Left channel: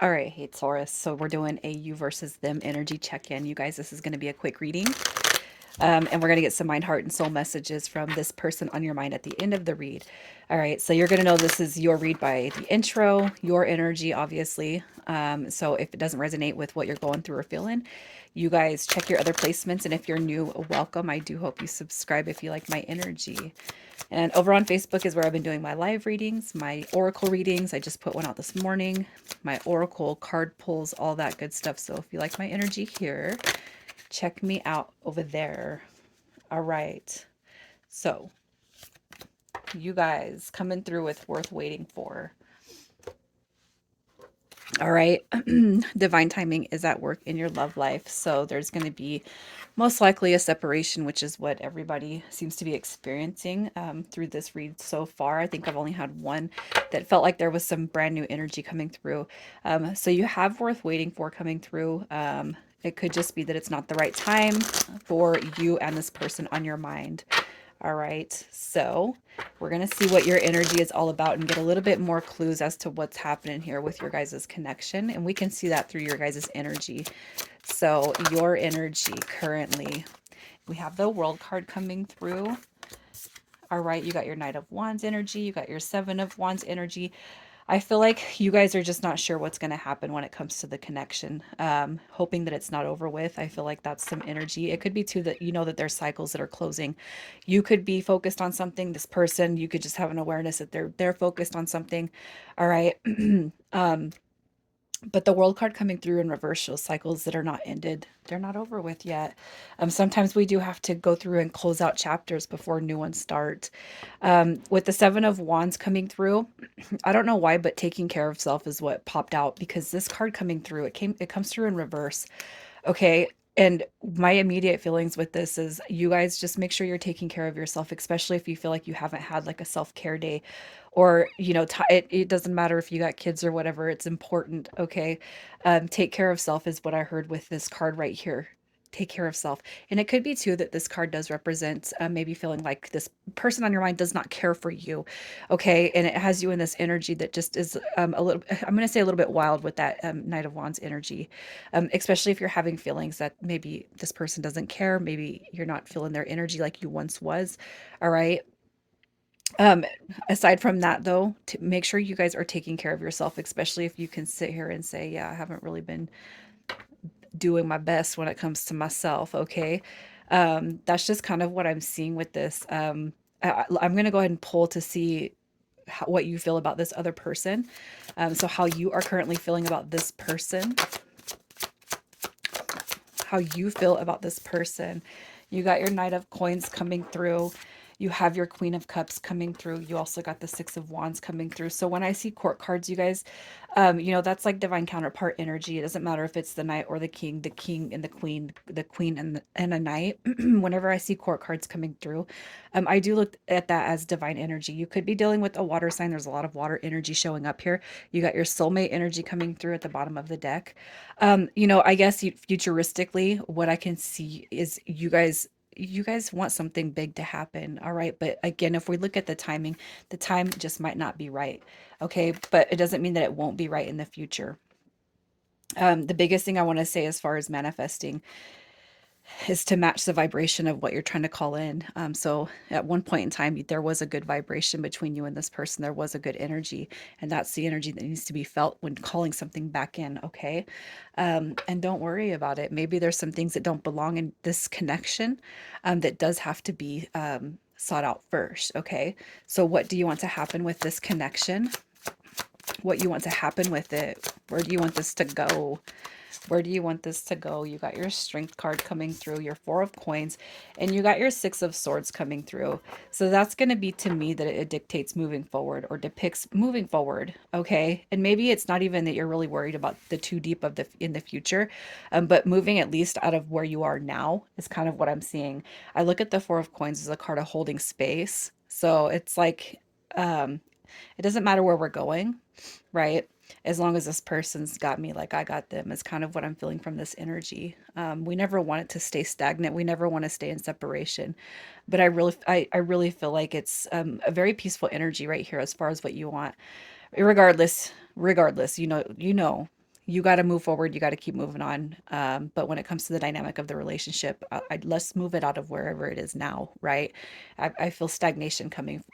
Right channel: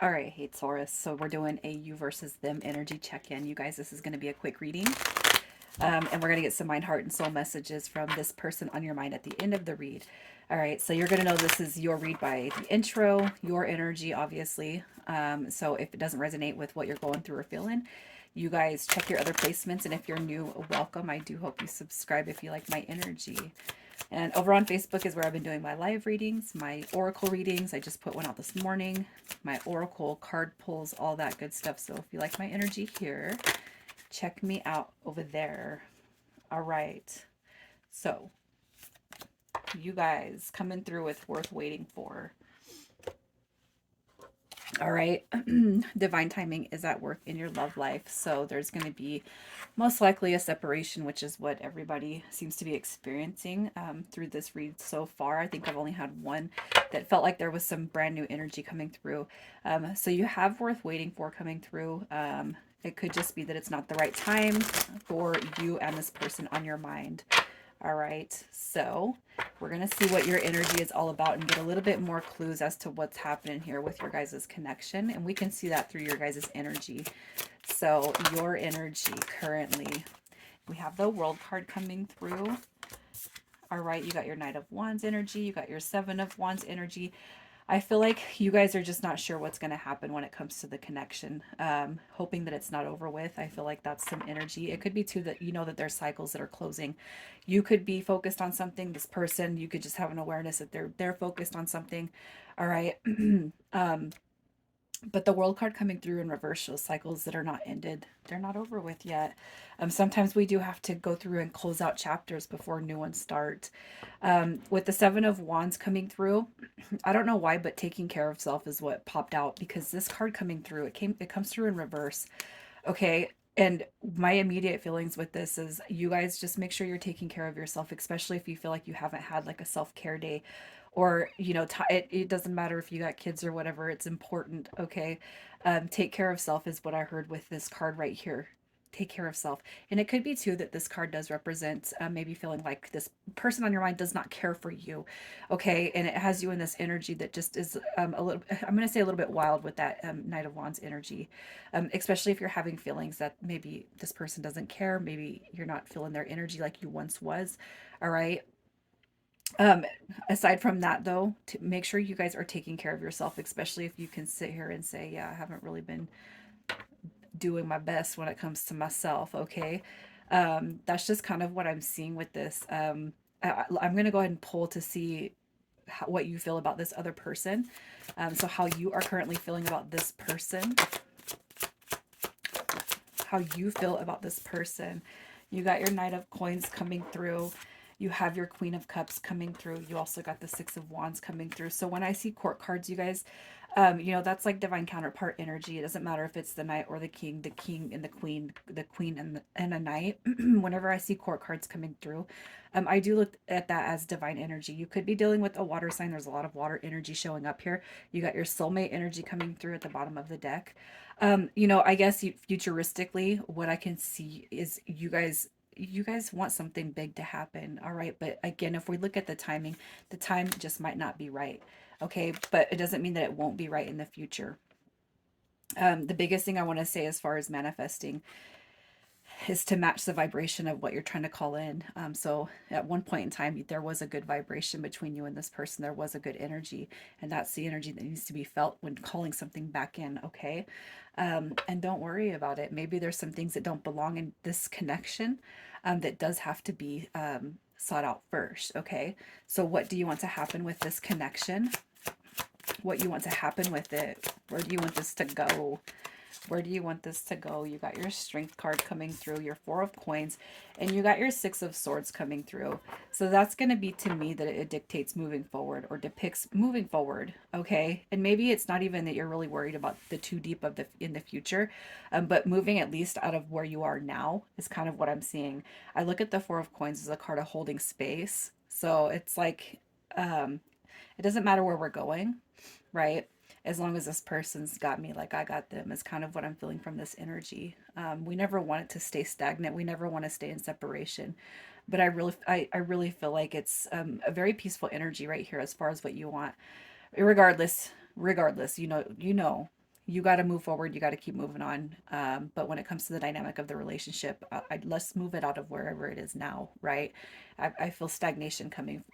All right, hey Taurus. So we're doing a you versus them energy check-in. You guys, this is going to be a quick reading. And we're going to get some mind, heart, and soul messages from this person on your mind at the end of the read. All right, so you're going to know this is your read by the intro, your energy, obviously. So if it doesn't resonate with what you're going through or feeling, you guys check your other placements. And if you're new, welcome. I do hope you subscribe if you like my energy. And over on Facebook is where I've been doing my live readings, my oracle readings. I just put one out this morning, my oracle card pulls, all that good stuff. So if you like my energy here, check me out over there. All right. So, you guys coming through with worth waiting for. All right. Divine timing is at work in your love life. So, there's going to be most likely a separation, which is what everybody seems to be experiencing through this read so far. I think I've only had one that felt like there was some brand new energy coming through. So, you have worth waiting for coming through. It could just be that it's not the right time for you and this person on your mind. All right, so we're going to see what your energy is all about and get a little bit more clues as to what's happening here with your guys' connection. And we can see that through your guys' energy. So your energy currently, we have the World card coming through. All right, you got your Knight of Wands energy. You got your Seven of Wands energy. I feel like you guys are just not sure what's going to happen when it comes to the connection. Hoping that it's not over with. I feel like that's some energy. It could be too that you know that there's cycles that are closing. You could be focused on something. This person, you could just have an awareness that they're focused on something. All right. But the World card coming through in reverse shows cycles that are not ended. They're not over with yet. Sometimes we do have to go through and close out chapters before new ones start. With the Seven of Wands coming through, I don't know why, but taking care of self is what popped out because this card coming through, it comes through in reverse. Okay. And my immediate feelings with this is you guys just make sure you're taking care of yourself, especially if you feel like you haven't had like a self-care day or, it doesn't matter if you got kids or whatever, it's important. Okay. Take care of self is what I heard with this card right here. Take care of self. And it could be too that this card does represent maybe feeling like this person on your mind does not care for you. Okay. And it has you in this energy that just is a little, I'm going to say a little bit wild with that Knight of Wands energy, especially if you're having feelings that maybe this person doesn't care. Maybe you're not feeling their energy like you once was. All right. Um, Aside from that, though, to make sure you guys are taking care of yourself, especially if you can sit here and say, yeah, I haven't really been doing my best when it comes to myself. Okay. That's just kind of what I'm seeing with this. I'm going to go ahead and pull to see what you feel about this other person. So how you are currently feeling about this person, how you feel about this person. You got your Knight of Coins coming through. You have your Queen of Cups coming through. You also got the Six of Wands coming through. So when I see court cards, you guys, that's like divine counterpart energy. It doesn't matter if it's the knight or the king and the queen and a knight. Whenever I see court cards coming through, I do look at that as divine energy. You could be dealing with a water sign. There's a lot of water energy showing up here. You got your soulmate energy coming through at the bottom of the deck. I guess futuristically, what I can see is you guys want something big to happen. All right. But again, if we look at the time just might not be right. Okay. But it doesn't mean that it won't be right in the future. The biggest thing I want to say as far as manifesting is to match the vibration of what you're trying to call in. So at one point in time, there was a good vibration between you and this person. There was a good energy, and that's the energy that needs to be felt when calling something back in. Okay. And don't worry about it. Maybe there's some things that don't belong in this connection that does have to be sought out first. Okay. So what do you want to happen with this connection? What you want to happen with it? Where do you want this to go? Where do you want this to go? You got your Strength card coming through, your Four of Coins, and you got your Six of Swords coming through. So that's going to be to me that it dictates moving forward or depicts moving forward. Okay. And maybe it's not even that you're really worried about the too deep of the in the future, but moving at least out of where you are now is kind of what I'm seeing. I look at the Four of Coins as a card of holding space. So it's like, it doesn't matter where we're going, right? As long as this person's got me like I got them is kind of what I'm feeling from this energy. We never want it to stay stagnant. We never want to stay in separation. But I really feel like it's a very peaceful energy right here as far as what you want. Regardless, you got to move forward. You got to keep moving on. But when it comes to the dynamic of the relationship, let's move it out of wherever it is now, right? I feel stagnation coming,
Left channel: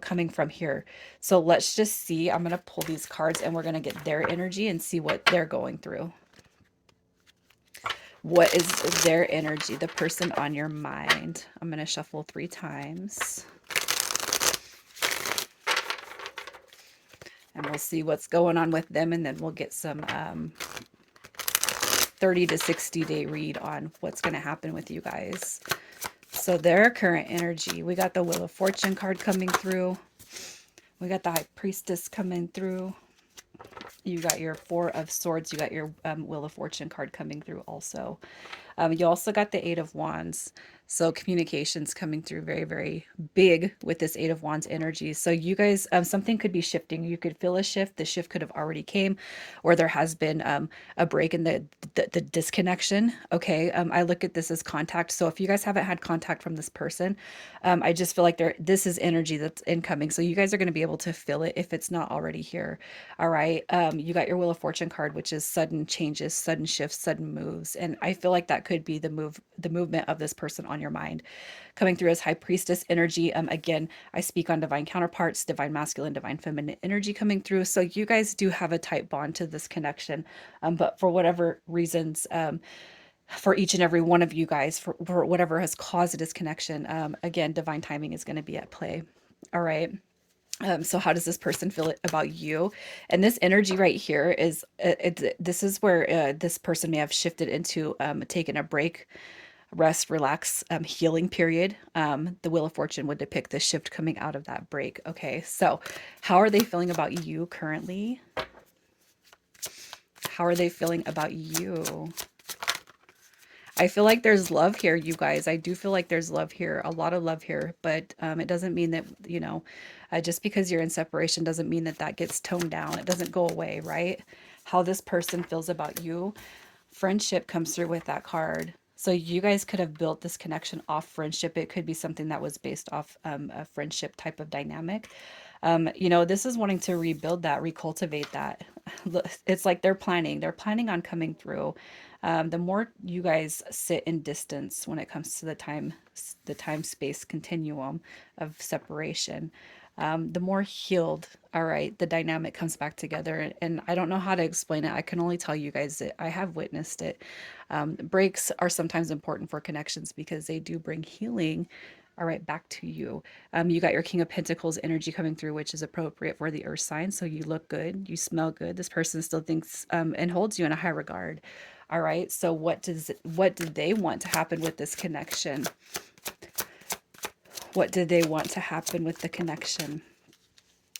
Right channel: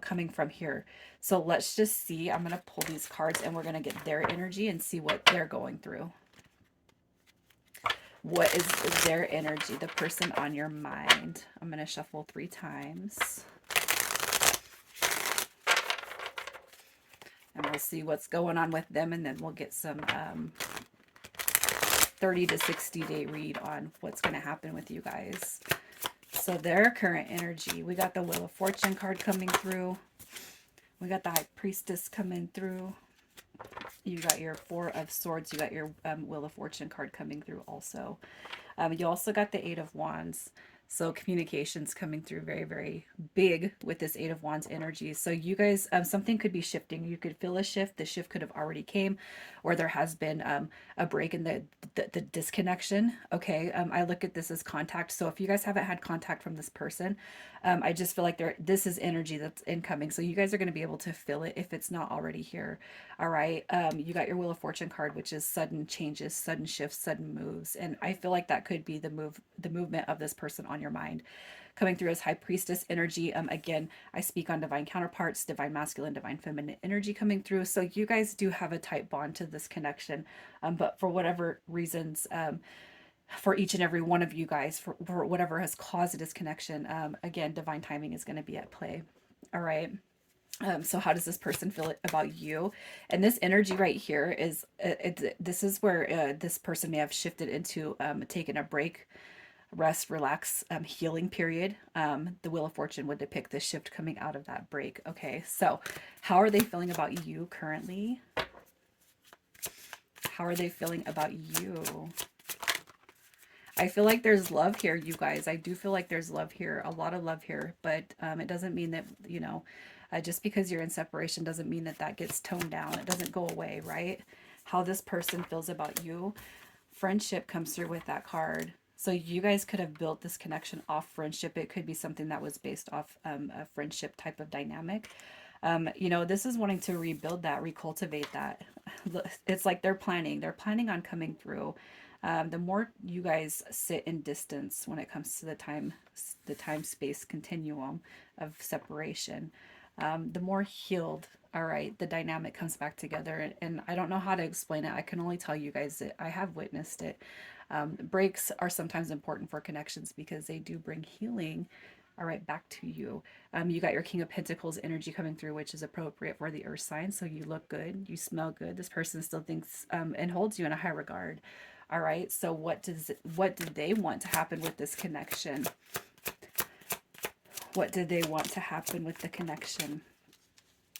coming from here. So let's just see. I'm going to pull these cards and we're going to get their energy and see what they're going through. What is their energy, the person on your mind? I'm going to shuffle 3 times. And we'll see what's going on with them, and then we'll get some 30 to 60 day read on what's going to happen with you guys. So their current energy, we got the Wheel of Fortune card coming through. We got the High Priestess coming through. You got your Four of Swords. You got your Wheel of Fortune card coming through also. You also got the Eight of Wands. So communications coming through very, very big with this Eight of Wands energy. So you guys, something could be shifting. You could feel a shift. The shift could have already came, or there has been a break in the disconnection. Okay, I look at this as contact. So if you guys haven't had contact from this person, I just feel like this is energy that's incoming. So you guys are going to be able to feel it if it's not already here. All right. You got your Wheel of Fortune card, which is sudden changes, sudden shifts, sudden moves. And I feel like that could be the movement of this person on your mind. Coming through as High Priestess energy. Again, I speak on divine counterparts, divine masculine, divine feminine energy coming through. So you guys do have a tight bond to this connection. But for whatever reasons, for each and every one of you guys, for whatever has caused this connection, again, divine timing is going to be at play. All right. So how does this person feel about you? And this energy right here is this is where this person may have shifted into taking a break, rest, relax, healing period. The Wheel of Fortune would depict the shift coming out of that break. Okay, so how are they feeling about you currently? How are they feeling about you? I feel like there's love here, you guys. I do feel like there's love here, a lot of love here, but it doesn't mean that, just because you're in separation doesn't mean that that gets toned down. It doesn't go away, right? How this person feels about you. Friendship comes through with that card. So you guys could have built this connection off friendship. It could be something that was based off a friendship type of dynamic. This is wanting to rebuild that, recultivate that. It's like they're planning on coming through. The more you guys sit in distance when it comes to the time space continuum of separation, the more healed, all right, the dynamic comes back together. And I don't know how to explain it. I can only tell you guys that I have witnessed it. Breaks are sometimes important for connections because they do bring healing. All right, back to you. You got your King of Pentacles energy coming through, which is appropriate for the earth sign. So you look good, you smell good. This person still thinks and holds you in a high regard. All right, so what do they want to happen with this connection? What do they want to happen with the connection?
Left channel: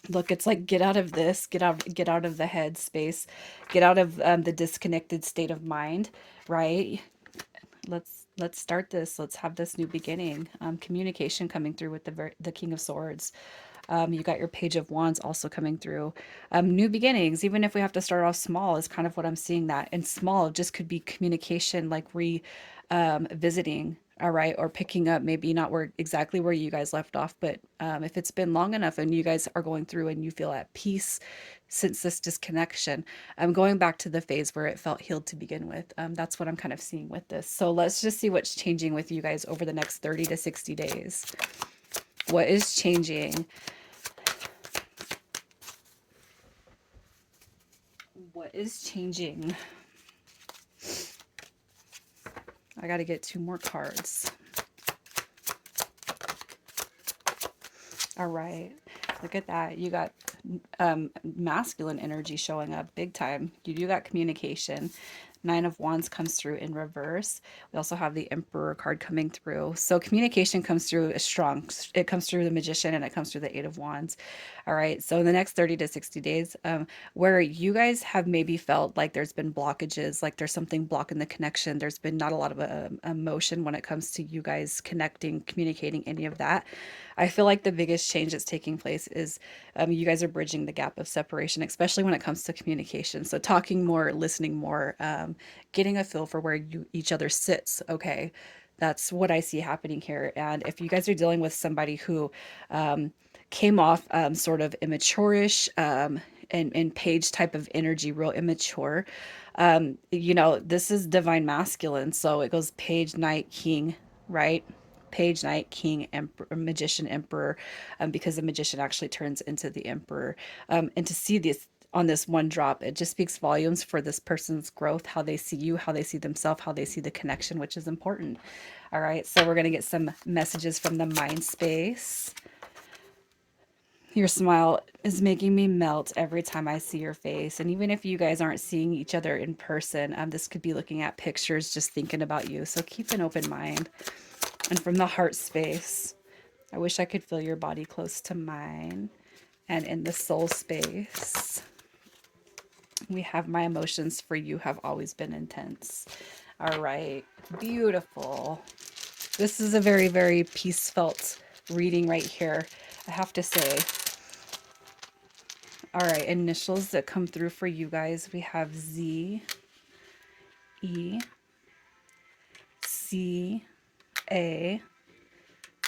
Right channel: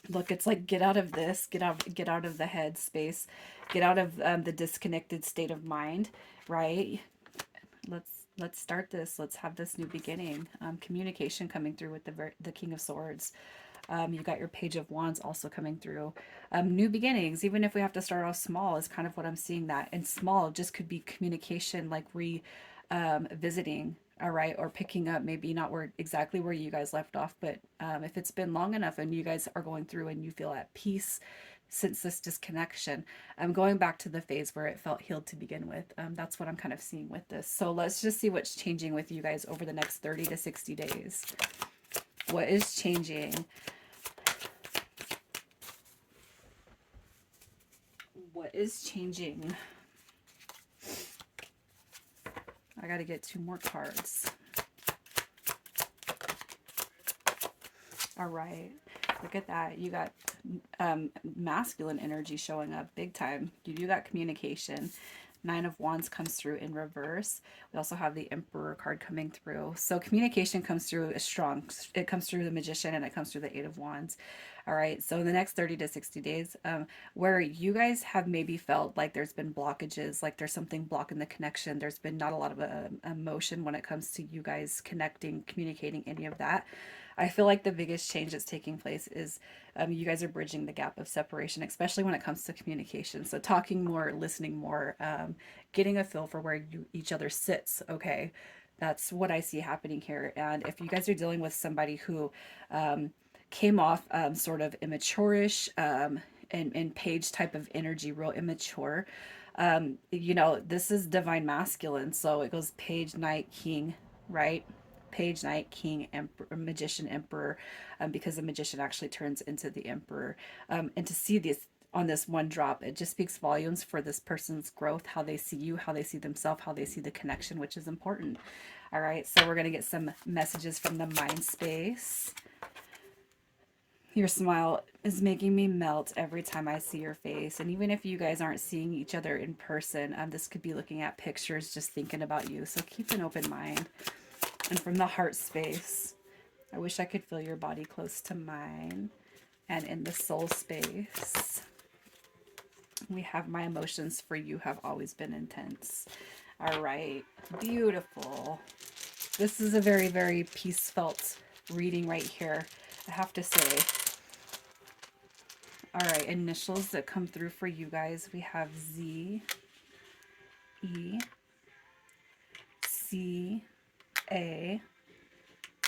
Look, it's like get out of this, get out of the head space, get out of the disconnected state of mind, right? Let's start this. Let's have this new beginning. Communication coming through with the King of Swords. You got your Page of Wands also coming through. New beginnings, even if we have to start off small, is kind of what I'm seeing that. And small just could be communication, like visiting, all right, or picking up, maybe not exactly where you guys left off, but if it's been long enough and you guys are going through and you feel at peace since this disconnection, I'm going back to the phase where it felt healed to begin with. That's what I'm kind of seeing with this. So let's just see what's changing with you guys over the next 30 to 60 days. What is changing? What is changing? I got to get 2 more cards. All right. Look at that. You got masculine energy showing up big time. You do got communication. 9 of Wands comes through in reverse. We also have the Emperor card coming through. So communication comes through as strong. It comes through the Magician and it comes through the 8 of Wands. All right. So in the next 30 to 60 days, where you guys have maybe felt like there's been blockages, like there's something blocking the connection, there's been not a lot of emotion when it comes to you guys connecting, communicating, any of that. I feel like the biggest change that's taking place is you guys are bridging the gap of separation, especially when it comes to communication. So talking more, listening more, getting a feel for where each other sits. Okay, that's what I see happening here. And if you guys are dealing with somebody who came off sort of immature-ish, and page type of energy, real immature. You know, this is divine masculine, so it goes page, knight, king, right? Page, knight, king, emperor, magician, emperor, because the magician actually turns into the emperor. And to see this on this one drop, it just speaks volumes for this person's growth, how they see you, how they see themselves, how they see the connection, which is important. All right, so we're going to get some messages from the mind space. Your smile is making me melt every time I see your face. And even if you guys aren't seeing each other in person, this could be looking at pictures, just thinking about you. So keep an open mind. And from the heart space, I wish I could feel your body close to mine. And in the soul space, we have my emotions for you have always been intense. All right, beautiful. This is a very, very peace felt reading right here, I have to say. All right, initials that come through for you guys. We have Z, E, C, A,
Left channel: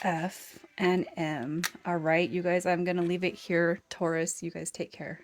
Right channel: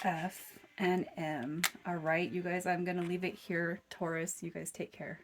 F, and M. All right, you guys, I'm going to leave it here. Taurus, you guys take care.